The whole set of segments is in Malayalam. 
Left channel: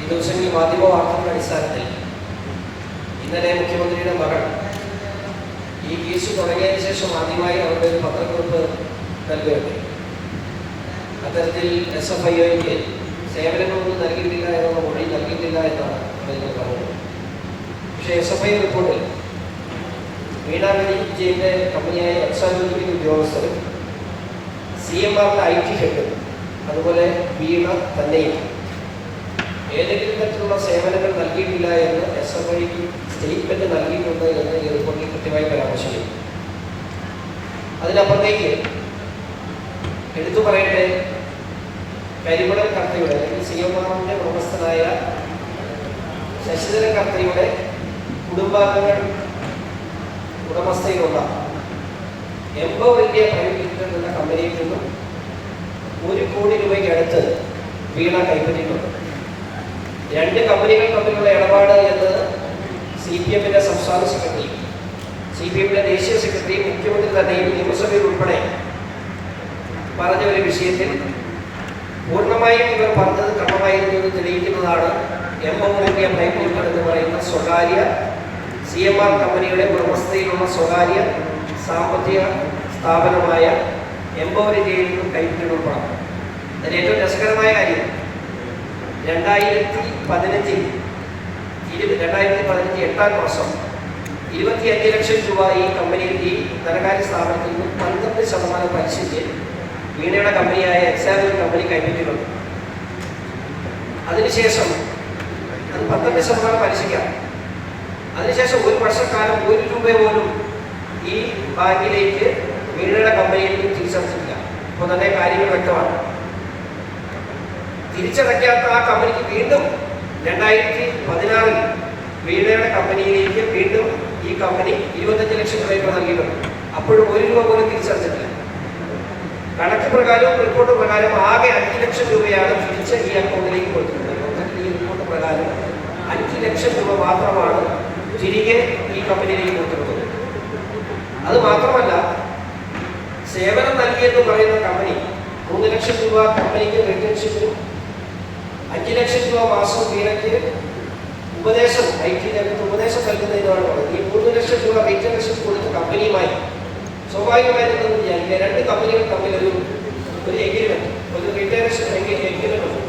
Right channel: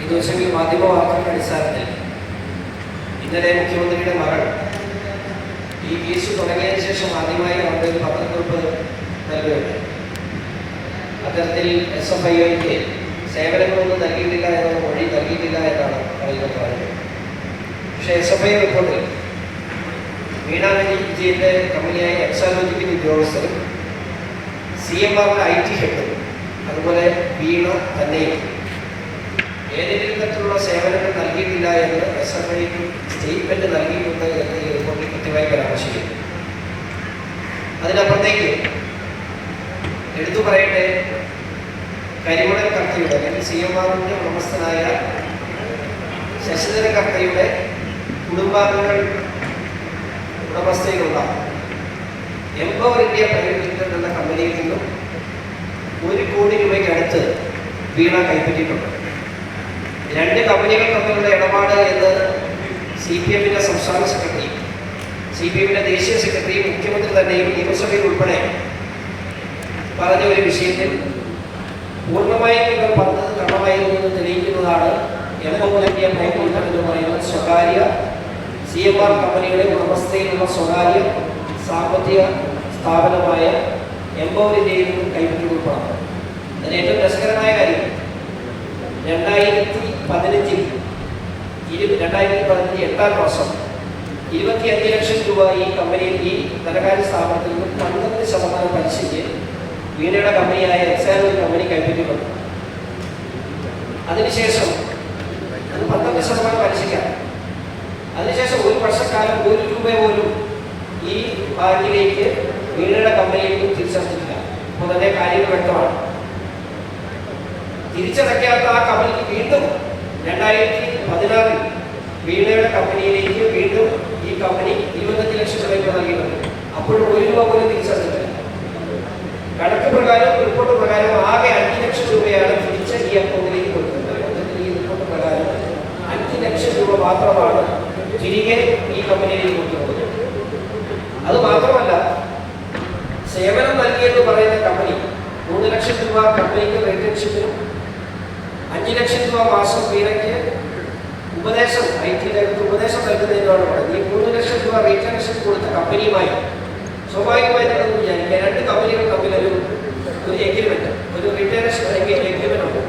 ഈ ദിവസങ്ങളിൽ മാധ്യമ വാർത്തകളുടെ അടിസ്ഥാനത്തിൽ ഇന്നലെ മുഖ്യമന്ത്രിയുടെ മകൾ ഈ കേസ് തുടങ്ങിയതിനു ശേഷം ആദ്യമായി അവരുടെ ഒരു പത്രക്കുറിപ്പ് നൽകുകയുണ്ട്. അത്തരത്തിൽ SFIക്ക് സേവനങ്ങളൊന്നും നൽകിയിട്ടില്ല എന്ന മൊഴി നൽകിയിട്ടില്ല എന്നാണ് പറയുന്നത്. പക്ഷേ SFI റിപ്പോർട്ടിൽ വീണ വിജയന്റെ കമ്പനിയായ എക്സാലോജിക്കൽ ഉദ്യോഗസ്ഥരും CMRന്റെ IT ഹെഡും അതുപോലെ വീണ തന്നെയും ഏതെങ്കിലും തരത്തിലുള്ള സേവനങ്ങൾ നൽകിയിട്ടില്ല എന്ന് SFIക്ക് സ്റ്റേറ്റ്മെന്റ് നൽകിയിട്ടുണ്ട് എന്ന് ഈ റിപ്പോർട്ടിൽ കൃത്യമായി പരാമർശിക്കുന്നു. അതിനപ്പുറത്തേക്ക് എടുത്തു പറയട്ടെ, കരിമണൽ കർത്തയുടെ അല്ലെങ്കിൽ CMRന്റെ ഉടമസ്ഥനായ ശശിധരൻ കർത്തയുടെ കുടുംബാംഗങ്ങൾ ഉടമസ്ഥയിലുള്ള എംപവർ ഇന്ത്യ പ്രൈവറ്റ് ലിമിറ്റഡ് എന്ന കമ്പനിയിൽ നിന്നും 1 കോടി രൂപയ്ക്ക് അടുത്ത് വീണ കൈപ്പറ്റിയിട്ടുണ്ട്. 2 കമ്പനികൾ തമ്മിലുള്ള ഇടപാട് എന്ന് CPMന്റെ സംസ്ഥാന സെക്രട്ടറിയും CPMന്റെ ദേശീയ സെക്രട്ടറിയും മുഖ്യമന്ത്രി തന്നെയും നിയമസഭയിൽ ഉൾപ്പെടെ പറഞ്ഞ ഒരു വിഷയത്തിൽ പൂർണ്ണമായും ഇവർ പറഞ്ഞത് കടമായിരുന്നു എന്ന് തെളിയിക്കുന്നതാണ് എംപവർ ഇന്ത്യ പ്രൈവറ്റ് ലിമിറ്റഡ് എന്ന് പറയുന്ന സ്വകാര്യ CMR കമ്പനിയുടെ ഉടമസ്ഥയിലുള്ള സ്വകാര്യ സാമ്പത്തിക സ്ഥാപനമായ എംപവർ ഇന്ത്യയിൽ നിന്നും കൈപ്പറ്റിയുള്ള പണം. അതിന് ഏറ്റവും രസകരമായ കാര്യം 2015 8 വർഷം 25 ലക്ഷം രൂപ ഈ കമ്പനിയിൽ ഈ ധനകാര്യ സ്ഥാപനത്തിൽ നിന്ന് 12% പലിശയ്ക്ക് വീണയുടെ കമ്പനിയായ എക്സാലോജി കമ്പനി കൈപ്പറ്റിയിട്ടുണ്ട്. അതിനുശേഷം അത് 12% പലിശയ്ക്കാണ്. അതിനുശേഷം 1 വർഷക്കാലം 1 രൂപ പോലും ഈ ബാങ്കിലേക്ക് വീണയുടെ കമ്പനിയിൽ നിന്ന് തിരിച്ചടച്ചിട്ടില്ല. അപ്പോൾ തന്നെ കാര്യങ്ങൾ വ്യക്തമാണ്. തിരിച്ചടയ്ക്കാത്ത ആ കമ്പനിക്ക് വീണ്ടും 2016 വീണയുടെ കമ്പനിയിലേക്ക് വീണ്ടും ഈ കമ്പനി 25 ലക്ഷം രൂപ നൽകിയിട്ടുണ്ട്. അപ്പോഴും 1 രൂപ പോലും തിരിച്ചടച്ചിട്ടില്ല. കണക്ക് പ്രകാരവും റിപ്പോർട്ട് പ്രകാരം ആകെ 5 ലക്ഷം രൂപയാണ് തിരിച്ച് ഈ അക്കൗണ്ടിലേക്ക് കൊടുത്തിട്ടുള്ളത്. ഈ റിപ്പോർട്ട് പ്രകാരം 5 ലക്ഷം രൂപ മാത്രമാണ് തിരികെ ഈ കമ്പനിയിലേക്ക് കൊടുത്തിട്ടുള്ളത്. അത് മാത്രമല്ല, സേവനം നൽകിയെന്ന് പറയുന്ന കമ്പനി 3 ലക്ഷം രൂപ കമ്പനിക്ക് റിട്ടേൺഷിപ്പിനും 5 ലക്ഷം രൂപ മാസം വീണയ്ക്ക് ഉപദേശം IT രംഗത്ത് ഉപദേശം നൽകുന്നതിനാണ്. ഈ 3 ലക്ഷം രൂപ റിട്ടേൺഷിപ്പ് കൊടുത്ത കമ്പനിയുമായി സ്വാഭാവികമായി നമ്മൾ വിചാരിക്കുക 2 കമ്പനികൾ തമ്മിൽ ഒരു എഗ്രിമെന്റ്, ഒരു റിട്ടേൺഷിപ്പ് അല്ലെങ്കിൽ എഗ്രിമെന്റ് ഉണ്ട്.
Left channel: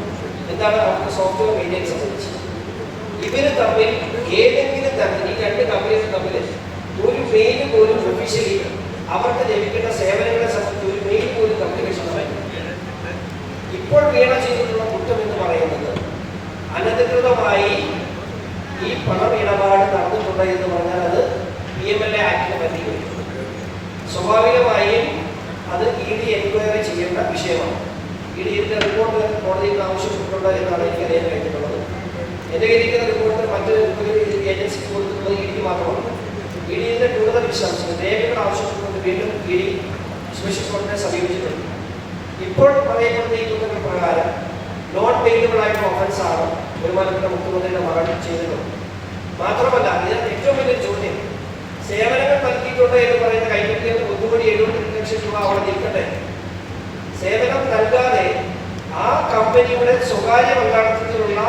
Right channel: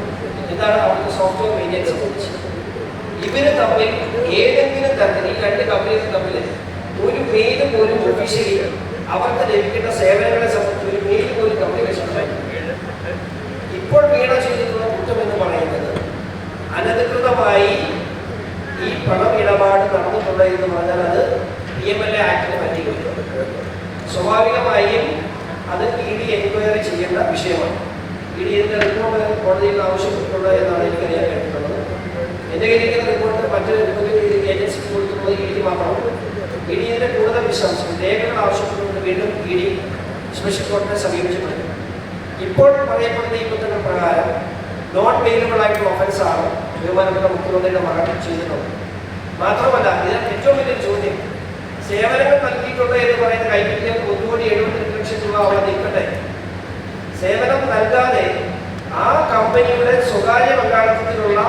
എന്താണ് അവർക്ക് സോഫ്റ്റ്വെയർ മെയിൻ്റെനൻസ് സംബന്ധിച്ച് ഇവര് തമ്മിൽ ഏതെങ്കിലും തരത്തിൽ ഈ 2 കമ്പനികൾ തമ്മിൽ ഒരു മെയിൽ പോലും ഒഫീഷ്യലി അവർക്ക് ലഭിക്കേണ്ട സേവനങ്ങളെ സംബന്ധിച്ച് ഒരു മെയിൽ പോലും കമ്മ്യൂണിക്കേഷൻ ഉണ്ടായിട്ടില്ല. ഇപ്പോൾ വീണ ചെയ്തിട്ടുള്ള കുറ്റം എന്ന് പറയുന്നത് അനധികൃതമായി ഈ പണം ഇടപാട് നടന്നിട്ടുണ്ട് എന്ന് പറഞ്ഞാൽ അത് PMLA ആക്ടിന് പറ്റിയിട്ടുണ്ട്. സ്വാഭാവികമായും അത് ED എൻക്വയറി ചെയ്യേണ്ട വിഷയമാണ്. ED ഇതിന്റെ റിപ്പോർട്ട് കോടതിയിൽ ആവശ്യപ്പെട്ടിട്ടുണ്ട് എന്നാണ് എനിക്ക് അറിയാൻ കഴിഞ്ഞിട്ടുള്ളത്. എന്റെ കയ്യിലിരിക്കുന്ന റിപ്പോർട്ട് മറ്റൊരു ഏജൻസിക്ക് കൊടുക്കുന്നത് ED മാത്രമാണ്. ED ഇതിന്റെ കൂടുതൽ വിശദാംശങ്ങൾ രേഖകൾ ആവശ്യപ്പെട്ടുകൊണ്ട് വീണ്ടും ED സ്പെഷ്യൽ കോർട്ടിനെ സമീപിച്ചിട്ടുണ്ട്. ഇപ്പോൾ പറയപ്പെടുന്ന ഈ കുറ്റങ്ങൾ പ്രകാരം നോൺ പെയിലബിൾ ആയിട്ടുള്ള ഒഫൻസ് ആണ് ബഹുമാനപ്പെട്ട മുഖ്യമന്ത്രിയുടെ മകൾ ചെയ്തിട്ടുള്ളത്. മാത്രമല്ല, ഇതിനകത്ത് ഏറ്റവും വലിയൊരു ചോദ്യം, സേവനങ്ങൾ നൽകിയിട്ടുണ്ട് എന്ന് പറയുന്ന കൈപ്പറ്റിയ 1,70 ലക്ഷം രൂപ അവിടെ നിൽക്കട്ടെ, സേവനം നൽകാതെ ആ കമ്പനിയുടെ സ്വകാര്യ പങ്കാളിത്തത്തിലുള്ള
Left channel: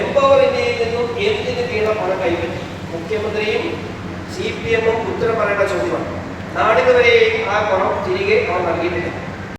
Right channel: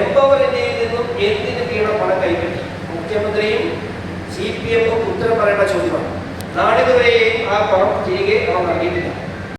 എംപവർ ഇന്ത്യയിൽ നിന്നും എന്തിന് വീണ പണം കൈപ്പറ്റി? മുഖ്യമന്ത്രിയും CPM ഉത്തരം പറയേണ്ട ചോദ്യമാണ്. നാളിതുവരെയും ആ പണം തിരികെ അവർ നൽകിയിട്ടില്ല.